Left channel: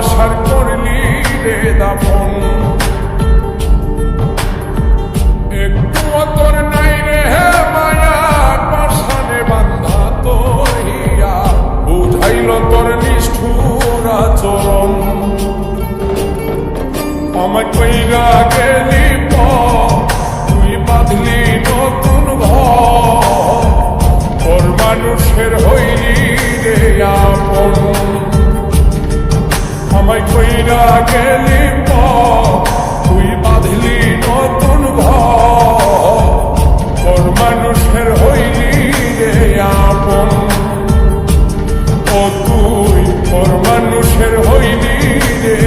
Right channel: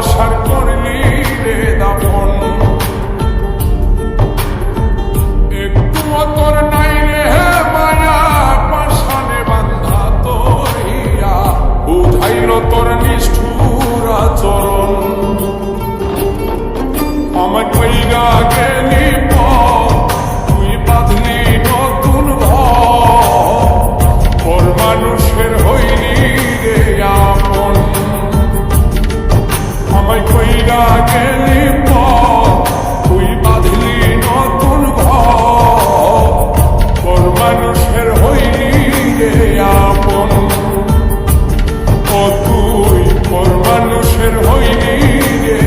ভালোবাসার করলি রে দাফন। একটু তোর নাই রে মায়া, পাশানে বান্ধা তোর হিয়া, বুঝাইল তোর নিষ্ঠুর আচরণ। আমায় কইরা গেলি তুই বাঁধলি নতুন ঘর, পর মানুষের হইলি রে আপন। আমায় কইরা গেলি তুই বাঁধলি নতুন ঘর, পর মানুষের হইলি রে আপন। ও তুই পর মানুষের হইলি রে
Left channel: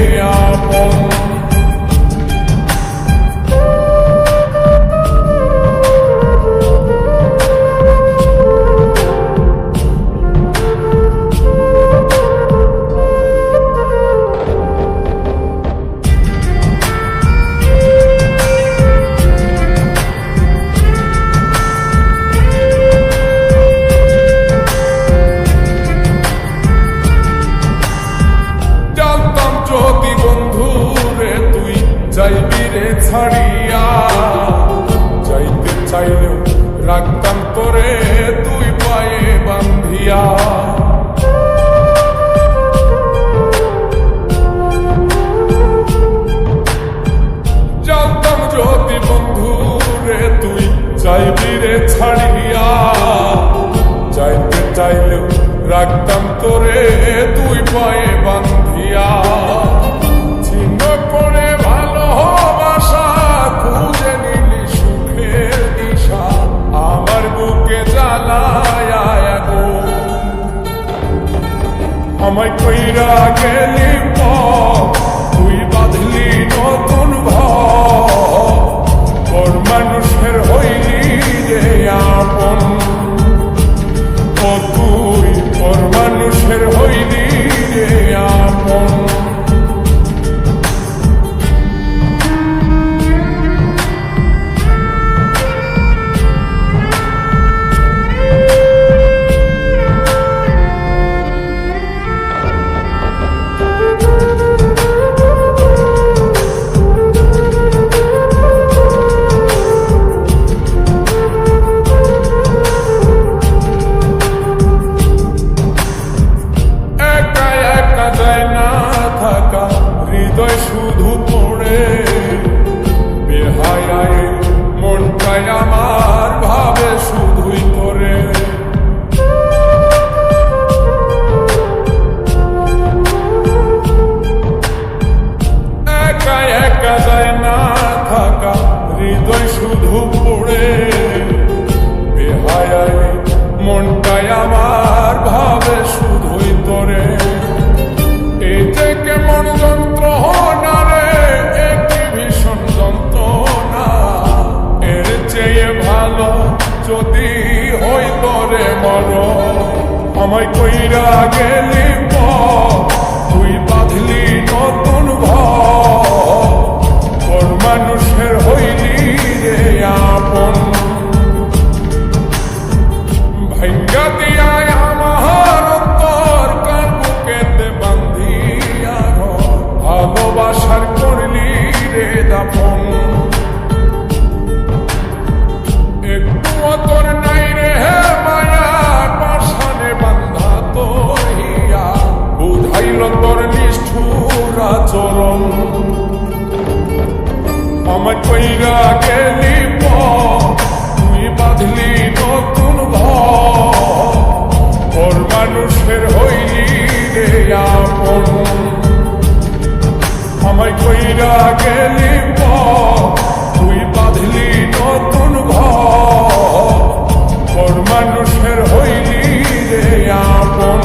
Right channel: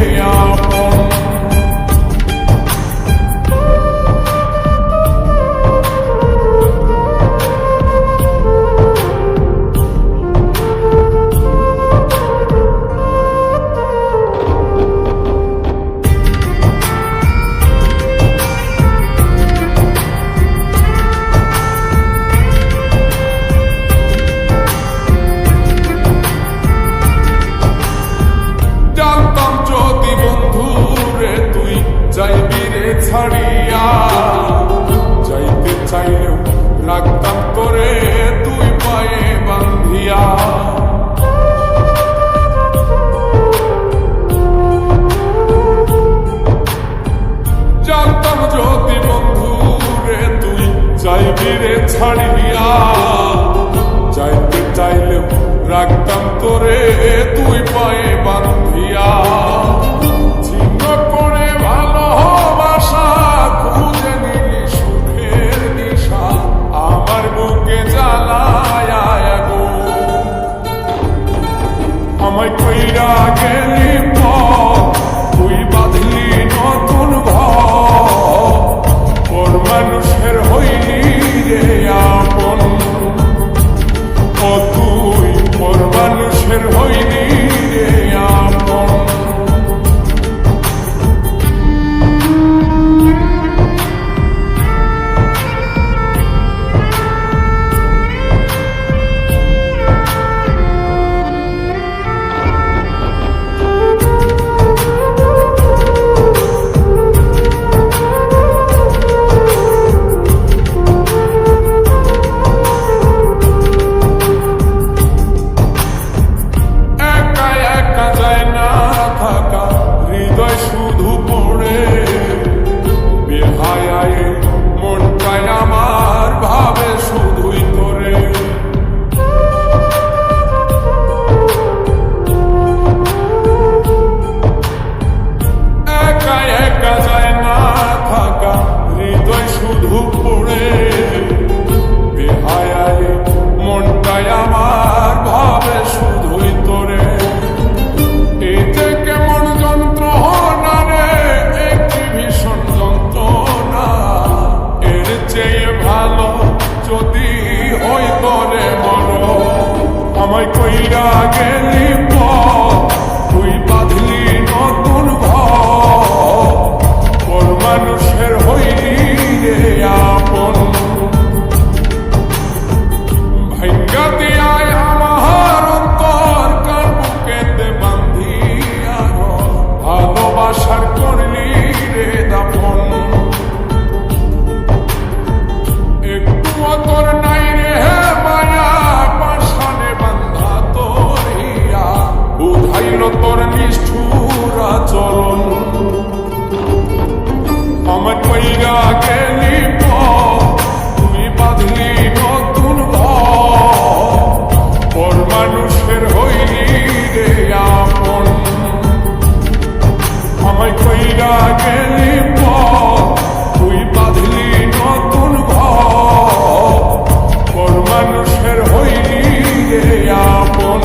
আপন। যদি বন্ধু রে তুই যাইবি রে ছাড়িয়া, যাইতে চাইলেও রাখতাম তোরে তুই পায়ে বান্ধিয়া। জানতাম যদি বন্ধু রে তুই যাইবি রে ছাড়িয়া, যাইতে চাইলেও রাখতাম তোরে তুই পায়ে বান্ধিয়া। ছিন্ন করে ভালোবাসা খুঁজে নিলি সুখের দিশা, আমার বুকে জ্বালায় আগুন। আমায় কইরা গেলি তুই বাঁধলি নতুন ঘর, পর মানুষের হইলি রে আপন। ও তুই পর মানুষের হইলি রে আপন। যায় না থাকা হৃদয় শুধু পড়ে, বেহায়ায় মনটাই আমার ভাবে শুধুই করে। একা একা যায় না থাকা হৃদয় শুধু পড়ে, বেহায়ায় মনটাই আমার ভাবে শুধুই তোরে। এই যে কেমন যন্ত্রণা রে, একটি ভীষণ যন্ত্রণা, এর চেয়ে ভালো যদি হইত রে মর। আমায় কইরা গেলি তুই বাঁধলি নতুন ঘর, পর মানুষের হইলি রে আপন। ভাঙ্গা দিয়ায় আমার অন্তর কার বুকেতে বান্ধিয়া ঘর, ভালোবাসার করলি রে দাফন। একটু তোর নাই রে মায়া, পাশানে বান্ধা তোর হিয়া, বুঝাইল তোর নিষ্ঠুর আচরণ। আমায় কইরা গেলি তুই বাঁধলি নতুন ঘর, পর মানুষের হইলি রে আপন। আমায় কইরা গেলি তুই বাঁধলি নতুন ঘর, পর মানুষের হইলি রে আপন।